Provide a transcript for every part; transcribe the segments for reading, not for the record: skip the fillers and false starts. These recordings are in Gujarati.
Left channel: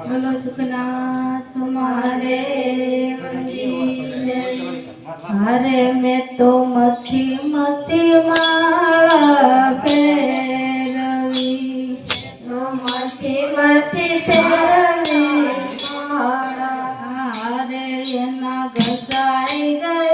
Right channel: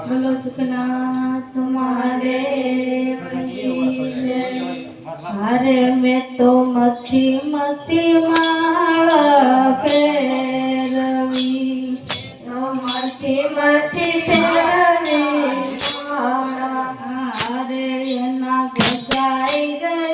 બોલો સુખનાથ તમારે અરે મેં તો મથી મતી માળા ફેરવી મથી મથી ફેરવી અરે એના ગજાઈ ગયા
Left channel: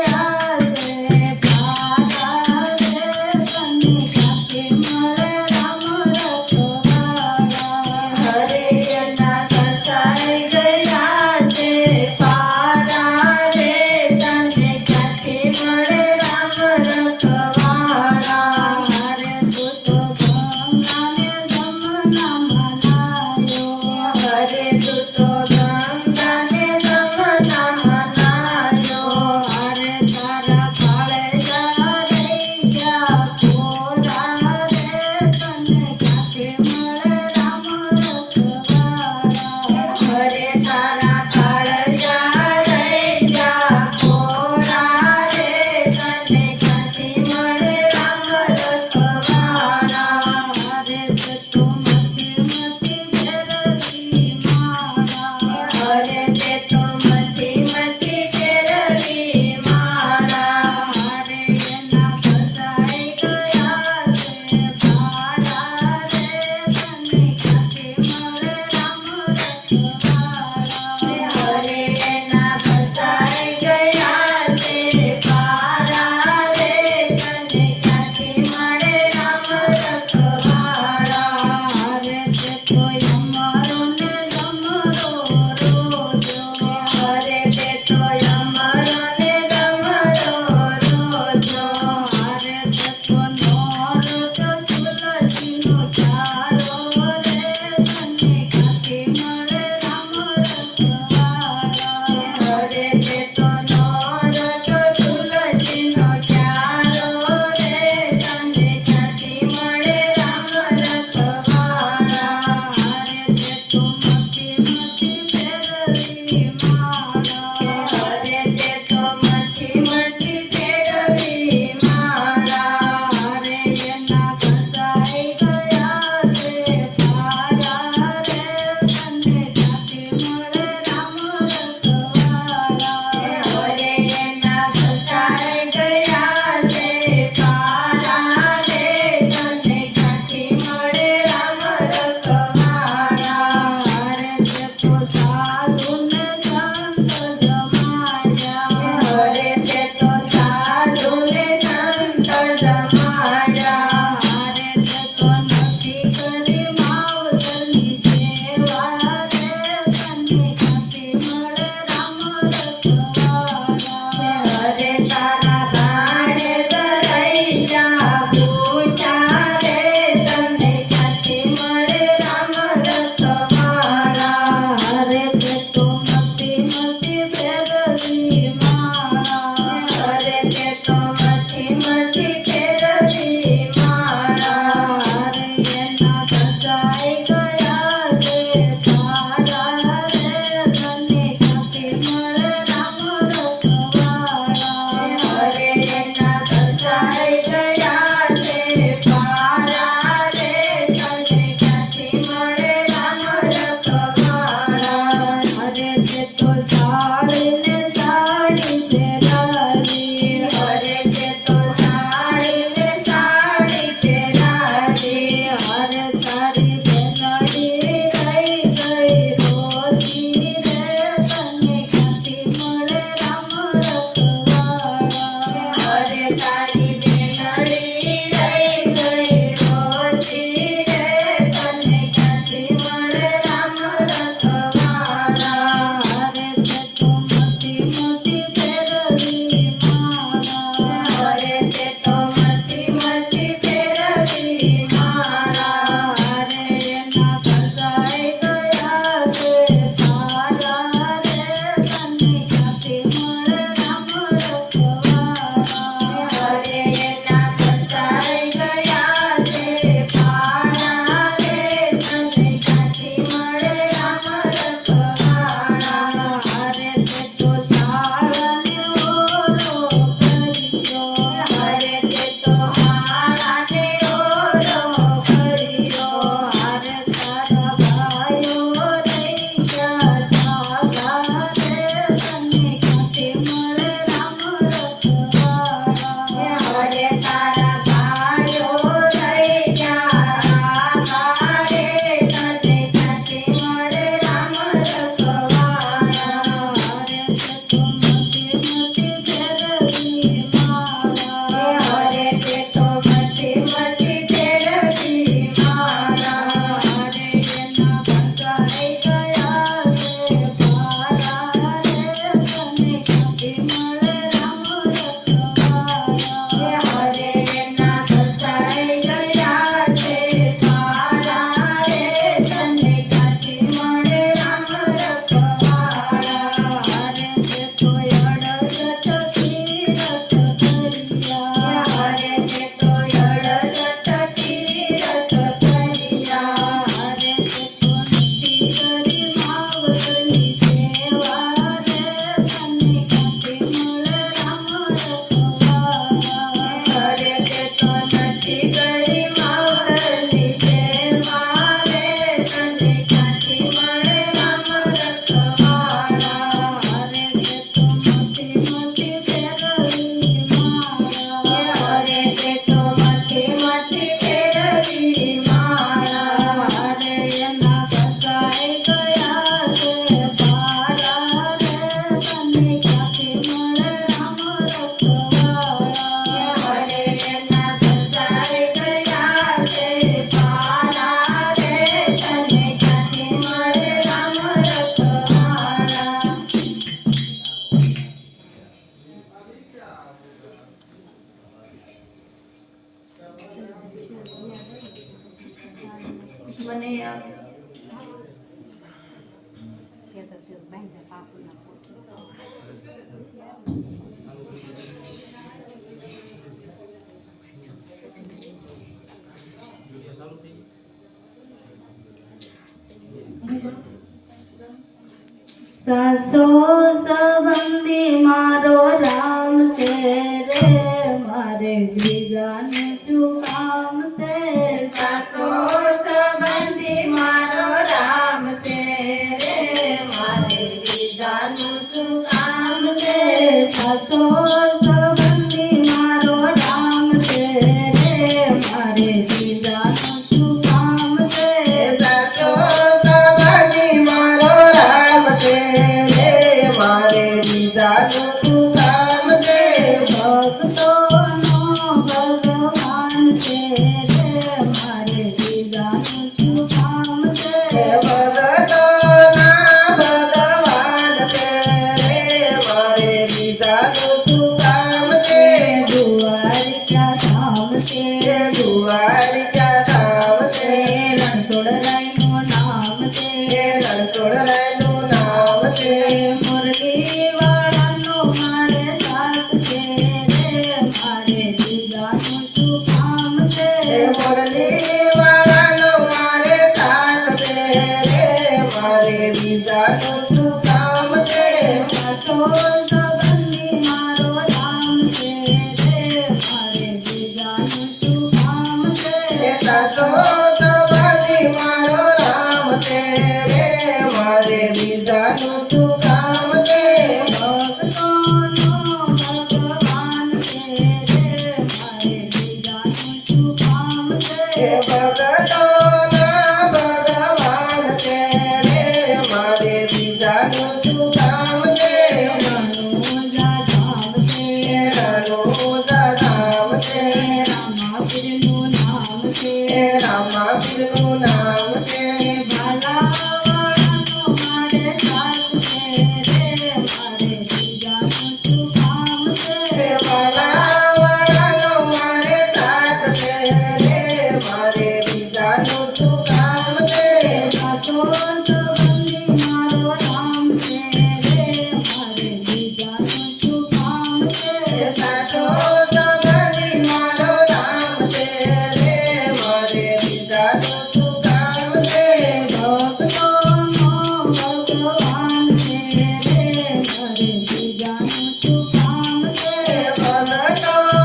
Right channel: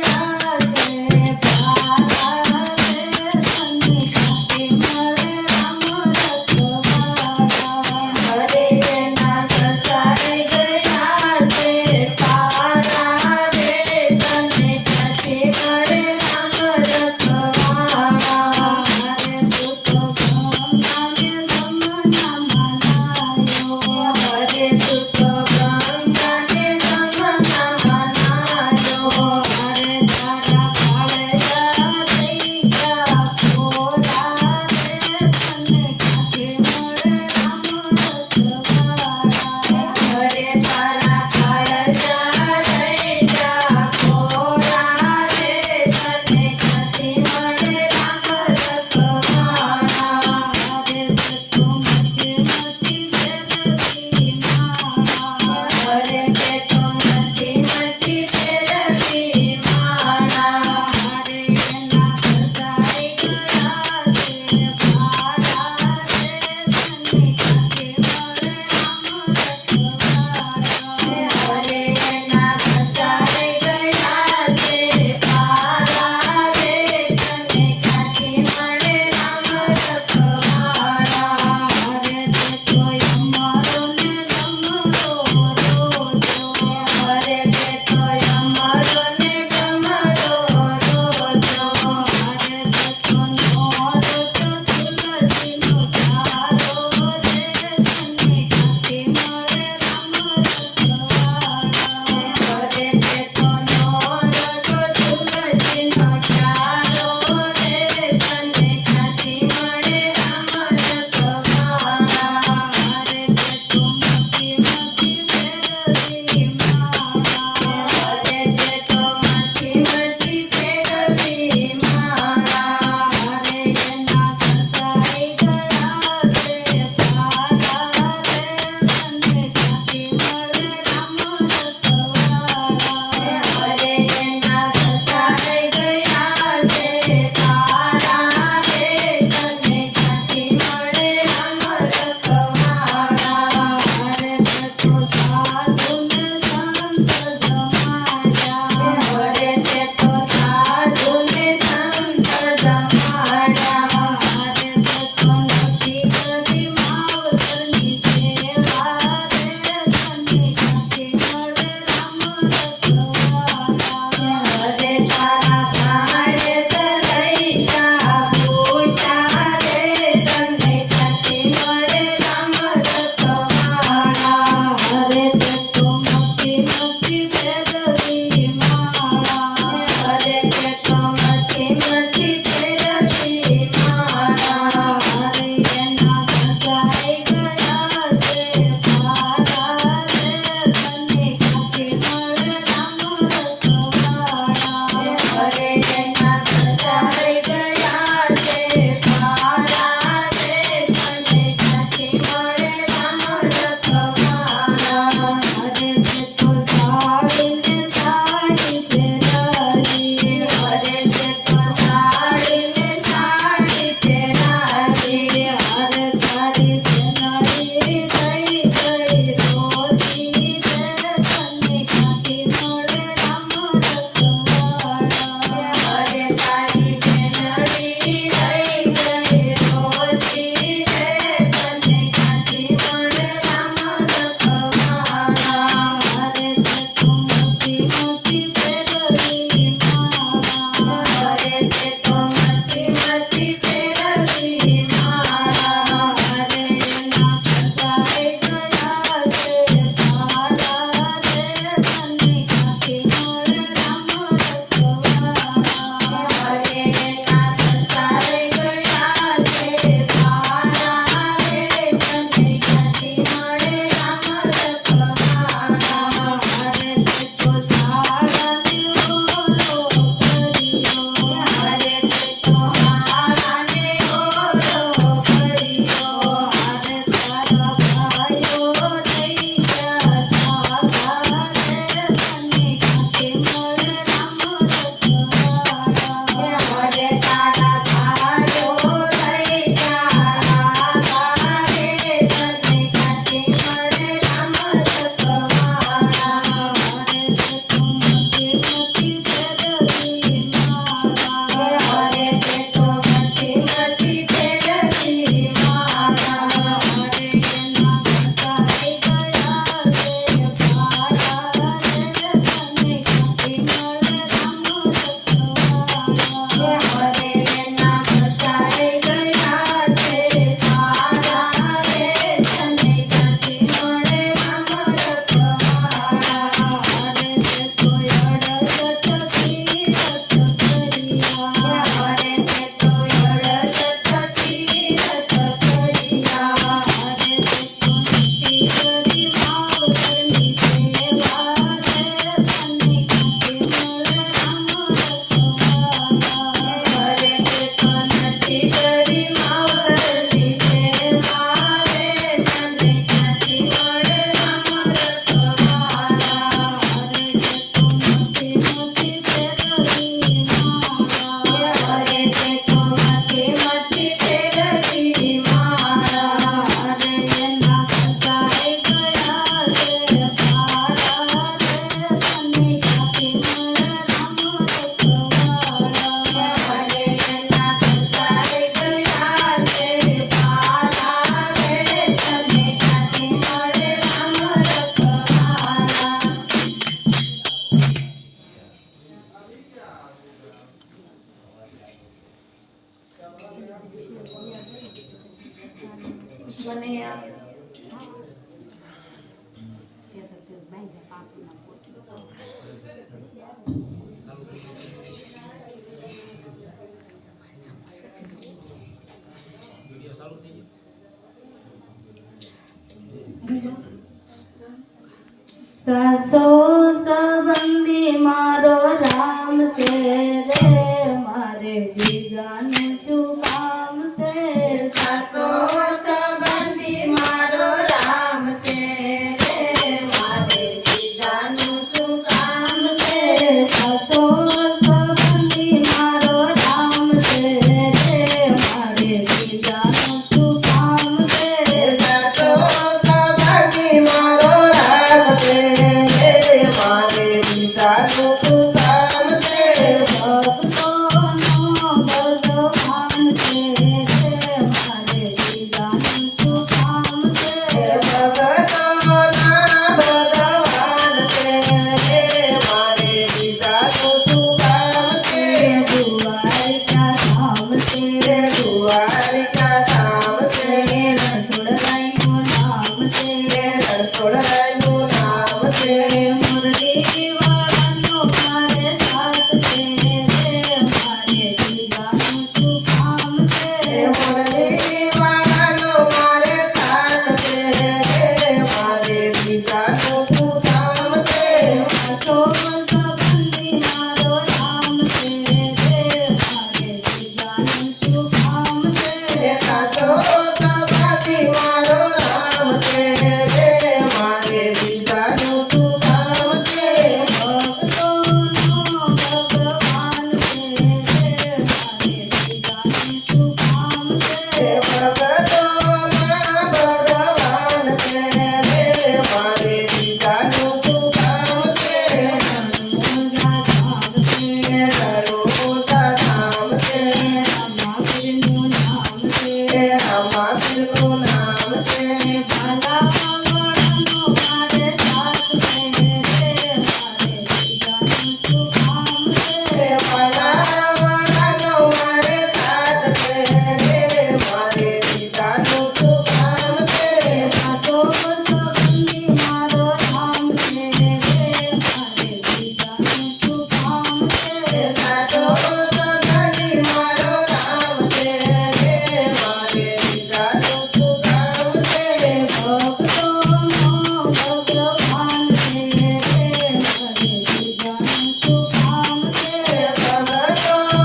મને સાસો સંબંધી મારો રામ છે રે મારે બીજાનું શું કામ છે સાસો સંબંધી મારો રામ છે રે મારે બીજાનું શું કામ છે સાસો સંબંધી મારો રામ છે રે મારે બીજાનું શું કામ છે સાસો સંબંધી મારો રામ છે મારે બીજાનું શું કામ છે ભક્તોનો ભગવાન છે મારે બીજાનું શું કામ છે ભક્તોના ભગવાન છે મારે બીજાનું શું કામ છે દ્વારિકા ધામ છે દ્વારિકા ધામ છે રણછોડરાયનું નામ છે રણછોડરાયનું નામ છે મુરલી વાળાનો મારે સાથ છે મારે બીજાનું શું કામ છે મુરલી વાળાનો મારે સાથ છે મારે બીજાનું શું કામ છે સાસો સંબંધી મારો રામ છે મારે બીજાનું શું કામ છે સાસો સંબંધી મારો રામ છે મારે બીજાનું શું કામ છે ભક્તોનો ભગવાન છે મારે બીજાનું શું કામ છે ભક્તોના ભગવાન છે મારે બીજાનું શું કામ છે રણોજા ધામ છે રણોજા ધામ છે રામાપીરનું નામ છે રામાપીરનું નામ છે ભાલાવાળાનો મારે સાથ છે મારે બીજાનું શું કામ છે ભાલાવાળાનો મારે સાથ છે મારે બીજાનું શું કામ છે સાસો સંબંધી મારો રામ છે મારે બીજાનું શું કામ છે સાસો સંબંધી મારો રામ છે મારે બીજાનું શું કામ છે ભક્તોનો ભગવાન છે મારે બીજાનું શું કામ છે ભક્તોના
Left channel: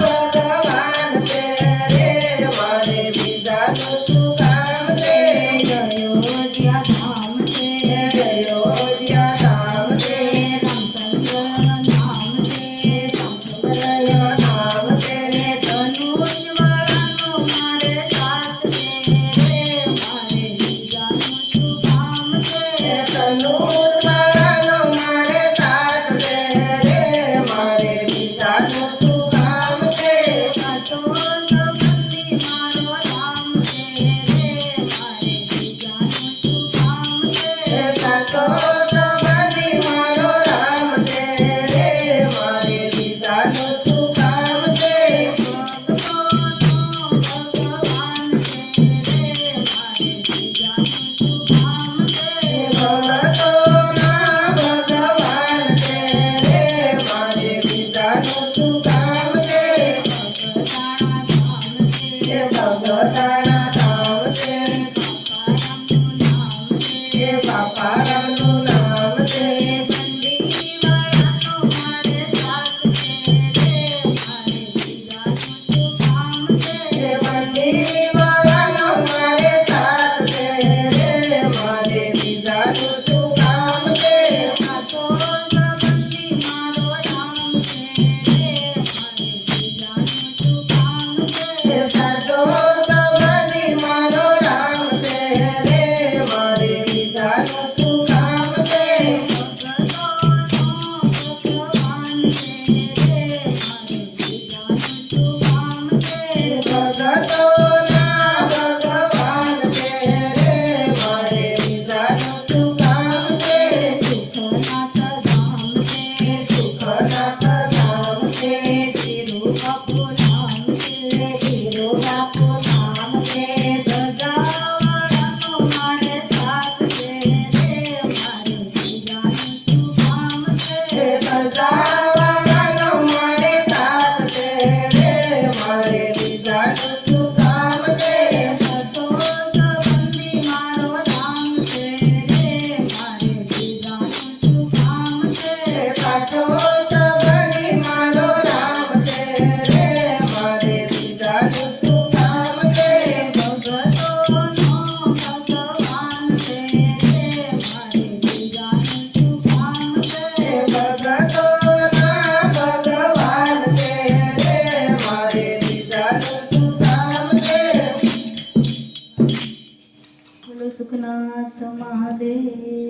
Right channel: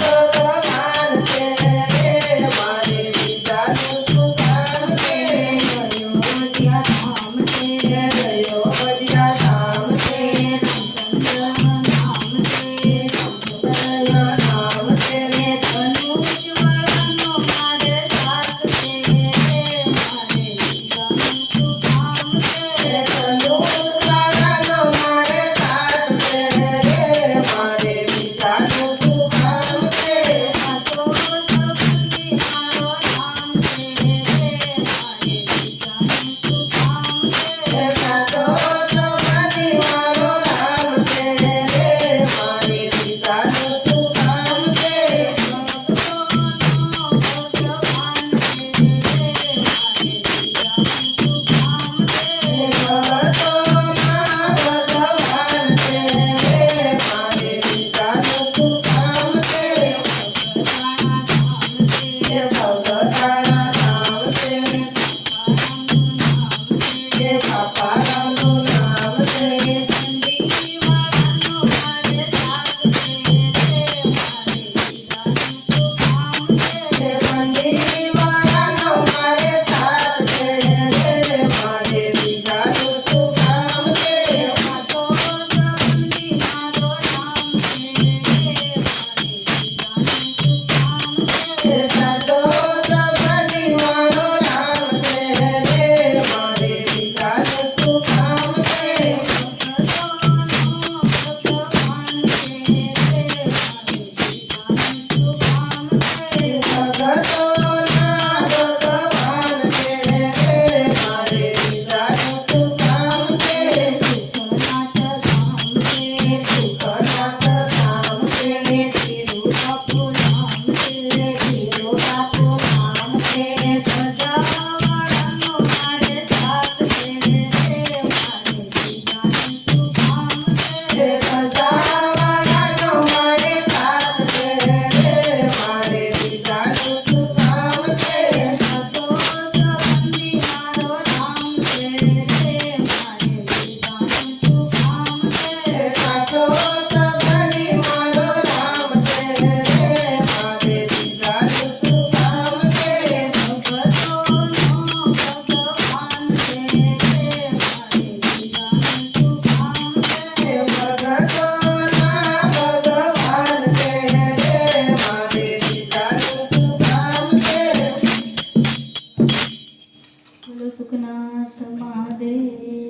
ભગવાન છે મારે બીજાનું શું કામ છે અયોધ્યા ધામ છે અયોધ્યા ધામ છે રામચંદ્ર નામ છે રામચંદ્ર નામ છે ધનુષ વાળાનો મારે સાથ છે મારે બીજાનું શું કામ છે ધનુષ વાળાનો મારે સાથ છે મારે બીજાનું શું કામ છે સાસો સંબંધી મારો રામ છે મારે બીજાનું શું કામ છે સાસો સંબંધી મારો રામ છે મારે બીજાનું શું કામ છે ભક્તોનો ભગવાન છે મારે બીજાનું શું કામ છે ભક્તોના ભગવાન છે મારે બીજાનું શું કામ છે ભગતાણા ધામ છે બાપારામનું નામ છે બંદીવાળાનો મારે સાથ છે મારે બીજાનું શું કામ છે બંદીવાળાનો મારે સાથ છે સુખનાથ મહાદેવ